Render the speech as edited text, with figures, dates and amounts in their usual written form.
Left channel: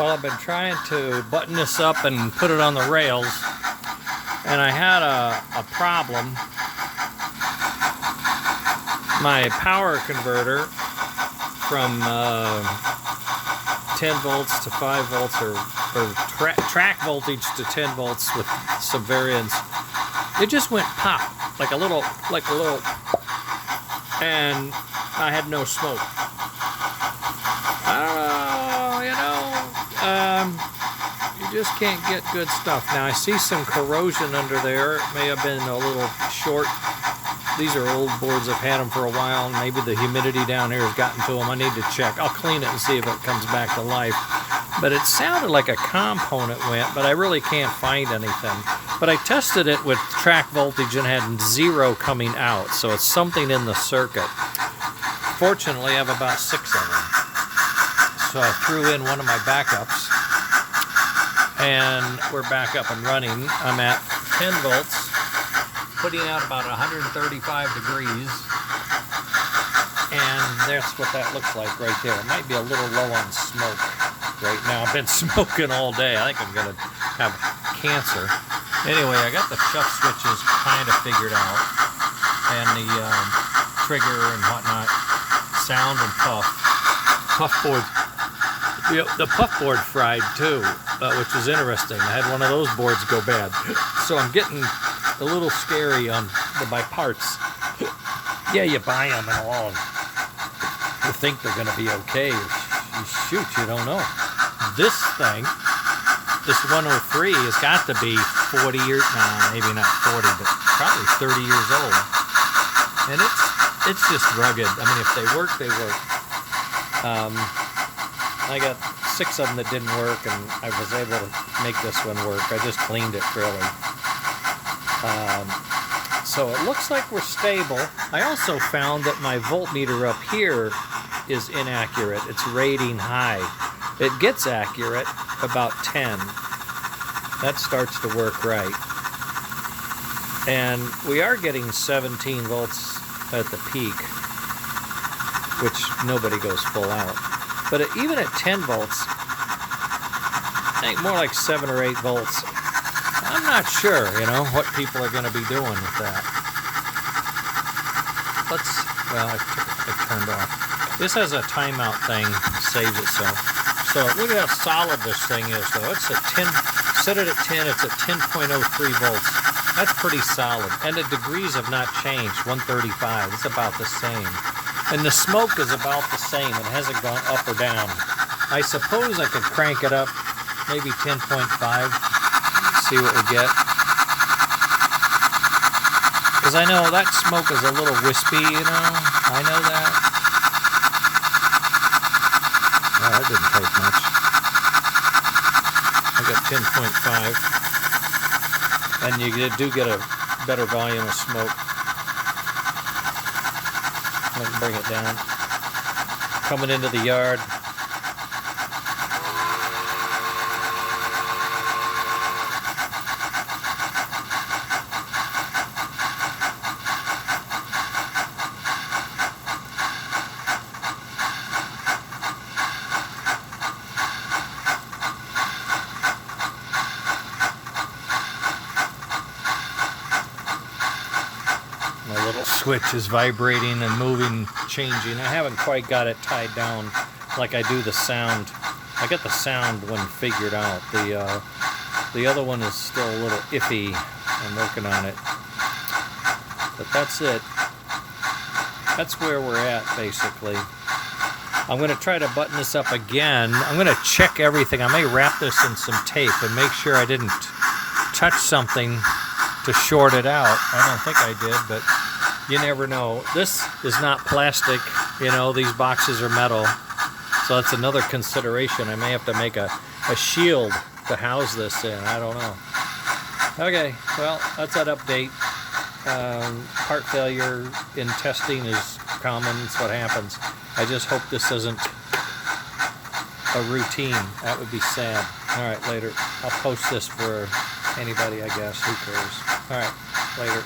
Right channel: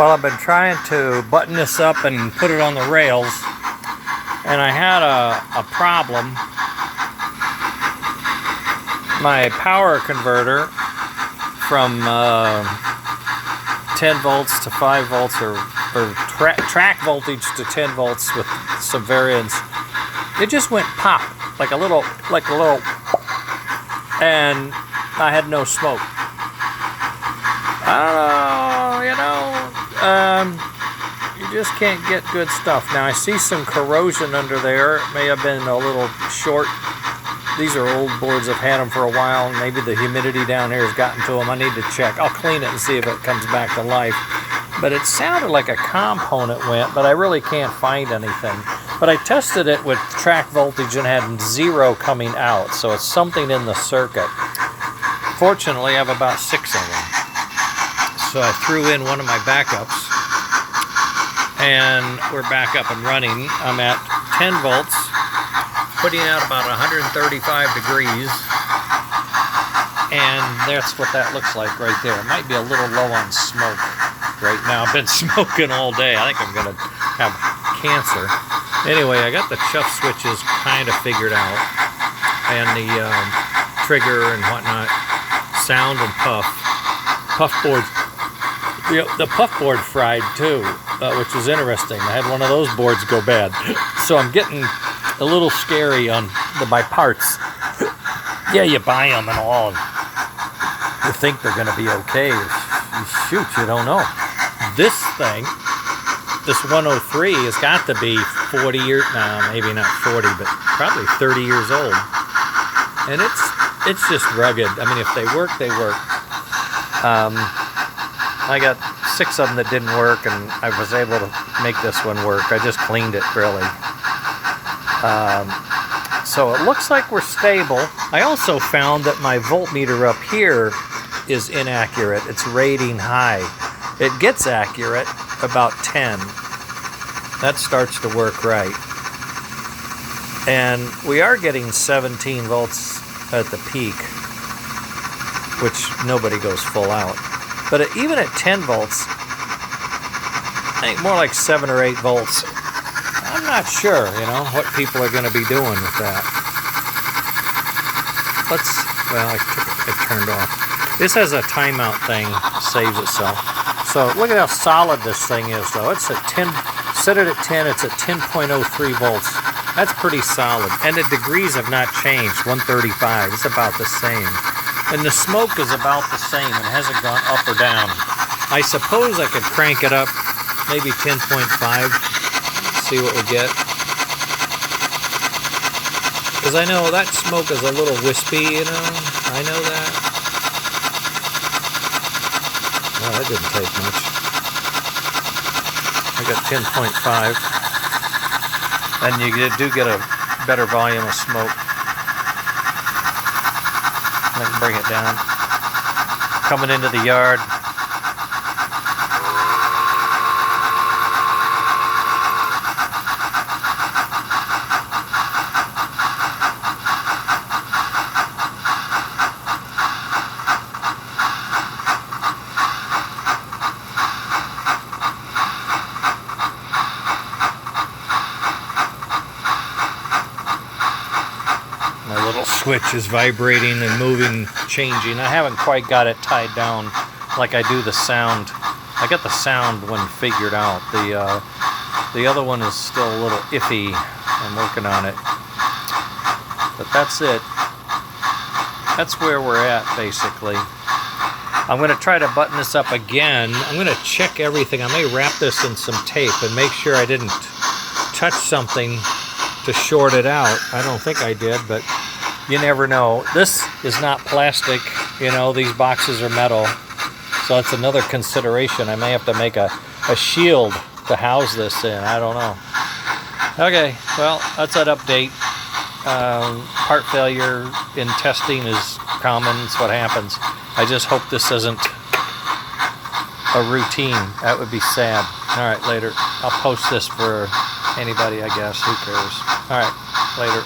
Well, I've been trying to button this up and put it on the rails, and I had a problem. My power converter from 10 volts to 5 volts, or track voltage to 10 volts with some variance, it just went pop, like a little, and I had no smoke. You just can't get good stuff. Now I see some corrosion under there. It may have been a little short. These are old boards. I've had them for a while. Maybe the humidity down here has gotten to them. I need to check. I'll clean it and see if it comes back to life. But it sounded like a component went, but I really can't find anything. But I tested it with track voltage and had 0 coming out. So it's something in the circuit. Fortunately, I have about 6 of them. So I threw in one of my backups, and we're back up and running. I'm at 10 volts, putting out about 135 degrees, and that's what that looks like right there. It might be a little low on smoke right now. I've been smoking all day. I think I'm going to have cancer. Anyway, I got the chuff switches kind of figured out, and the trigger and whatnot, sound and puff board. The puff board fried too, which is interesting. I had one of those boards go bad, so I'm getting a little scary on my parts. Yeah, you buy them and all, you think they're going to be okay. Shoot, you don't know. This thing, this 103, has got to be 40 years, maybe not 40, but probably 30 years old. And it's just rugged. I mean, if they work, they work. I got 6 of them that didn't work, and I was able to make this one work. I just cleaned it, really. So it looks like we're stable. I also found that my voltmeter up here is inaccurate. It's rating high. It gets accurate about 10. That starts to work right. And we are getting 17 volts at the peak, which nobody goes full out. But even at 10 volts, I think more like 7 or 8 volts. I'm not sure, what people are going to be doing with that. I turned off. This has a timeout thing, saves itself. So look at how solid this thing is, though. It's at 10, set it at 10, it's at 10.03 volts. That's pretty solid. And the degrees have not changed, 135. It's about the same. And the smoke is about the same. It hasn't gone up or down. I suppose I could crank it up, maybe 10.5, see what we get. Because I know that smoke is a little wispy, I know that. Oh, that didn't take much. I got 10.5. And you do get a better volume of smoke. I can bring it down. Coming into the yard. My little switch is vibrating and moving, changing. I haven't quite got it tied down like I do the sound. I got the sound one figured out. The other one is still a little iffy. I'm working on it. But that's it. That's where we're at, basically. I'm going to try to button this up again. I'm going to check everything. I may wrap this in some tape and make sure I didn't touch something to short it out. I don't think I did, but you never know. This is not plastic, these boxes are metal. So that's another consideration. I may have to make a shield to house this in. I don't know. Okay, well, that's that update. Part failure in testing is common. It's what happens. I just hope this isn't a routine. That would be sad. All right, later. I'll post this for anybody, I guess. Who cares? All right, later.